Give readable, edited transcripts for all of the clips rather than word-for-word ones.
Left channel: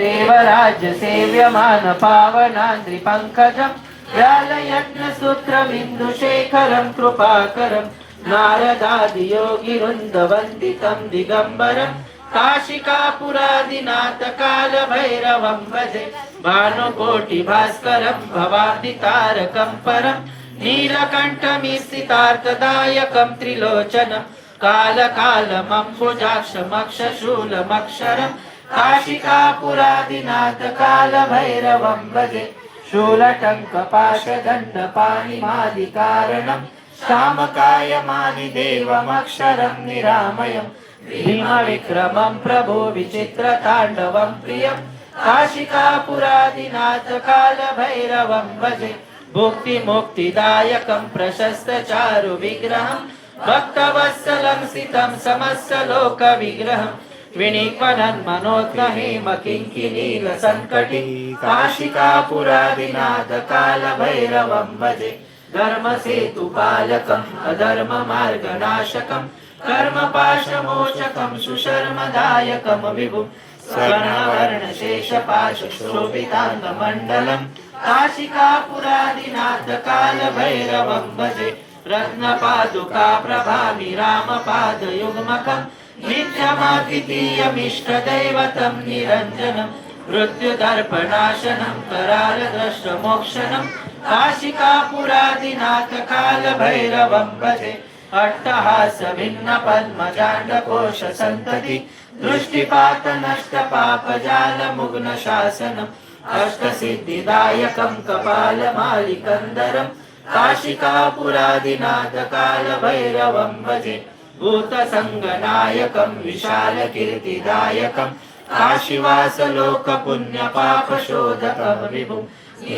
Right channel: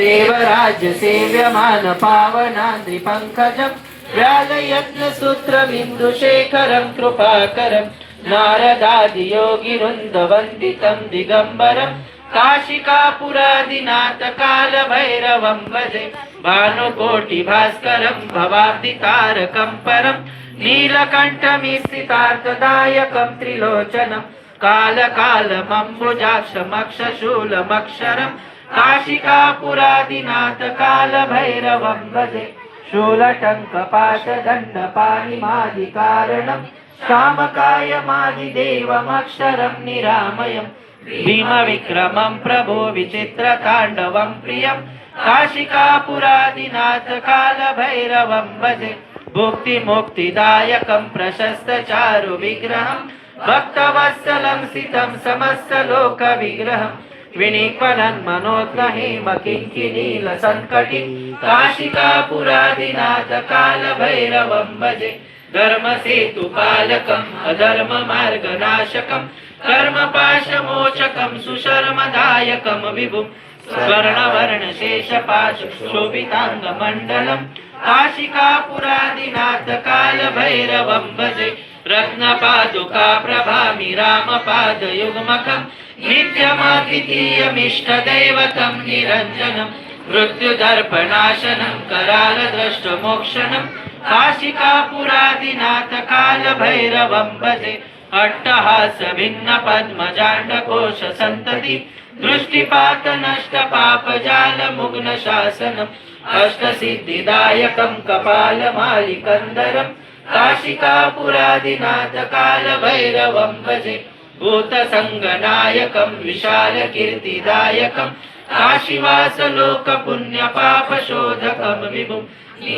देवराज्य सेव्यमान पावनाद्रिपङ्कजं व्यालयत्नसूत्रबिन्दुशेखरं कृपाकरं नारदादियोगिवृन्दवन्दितं दिगम्बरं काशिकापुरादिनाथ कालभैरवं भजे भानुकोटिभास्करं भवाब्दितारकं परं नीलकण्ठमिस्थितार्थदायकं त्रिलोचनं कालकालमम्बुजाक्षमक्षशूलमक्षरं काशिकापुरादिनाथ कालभैरवं भजे शूलटङ्कपाशदण्डपाणिमादिकारणं कामकायमादिदेवमक्षरं निरामयं भीमविक्रमं प्रभो विचित्रताण्डवं प्रियं काशिकापुरादिनाथ कालभैरवं भजे भुक्तिमुक्तिदायकं प्रशस्तचारु विग्रहं भक्तवत्सलं स्थितं समस्तलोकविग्रहं विनिपनं मनोद्गहेम किङ्किणीलसङ्कटि काशिकापुरादिनाथ कालभैरवं भजे धर्मसेतुपालकम् अधर्ममार्गनाशकं कर्मपाशमोचकं सुशर्मदायकं विभुं स्वर्णवर्णशेषपाशोभिताङ्गमण्डलं काशिकापुरादिनाथ कालभैरवं भजे रत्नपादुका प्रभामि रामपादयुग्मकं नित्यमाद्वितीयमिष्टदैवतं निरञ्जनं मृत्युदर्पणाशनं करालद्रष्टमोक्षणं काशिकापुरादिनाथ कालभैरवं भजे अट्टहासभिन्नपद्मजाण्डकोशसन्तति दृष्टिपातनष्टपापजालमुग्नशासनम् अष्टसिद्धिदायकं कपालमालिकन्दरं काशिकापुरादिनाथ कालभैरवं भजे भूतसङ्गनायकं विशालकीर्तिदायकं काशीवासलोकपुण्यपापशोधकं विभुं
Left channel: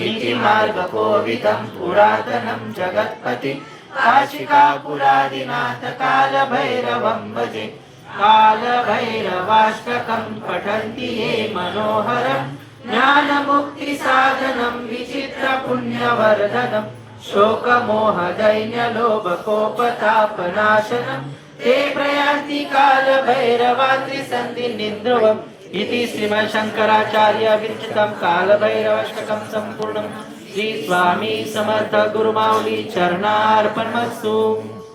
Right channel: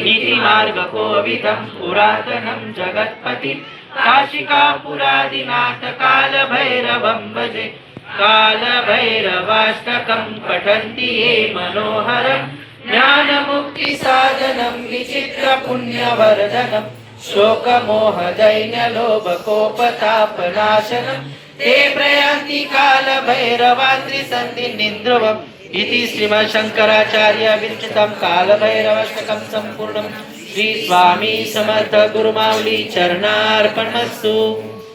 नीतिमार्गकोविदं पुरातनं जगत्पतिं काशिकापुरादिनाथ कालभैरवं भजे कालभैरवाष्टकं पठन्ति ये मनोहरं ज्ञानमुक्तिसाधनं विचित्रपुण्यवर्धनं शोकमोहदैन्यलोभकोपतापनाशनं ते प्रयान्ति कालभैरवात्रिसन्धिनिन्द्रुवम् इति श्रीमच्छङ्कराचार्य विरचितं कालभैरवाष्टकं सम्पूर्णं श्री स्वामी समर्थ गुरुमाऊली चरणार्पणमस्तु।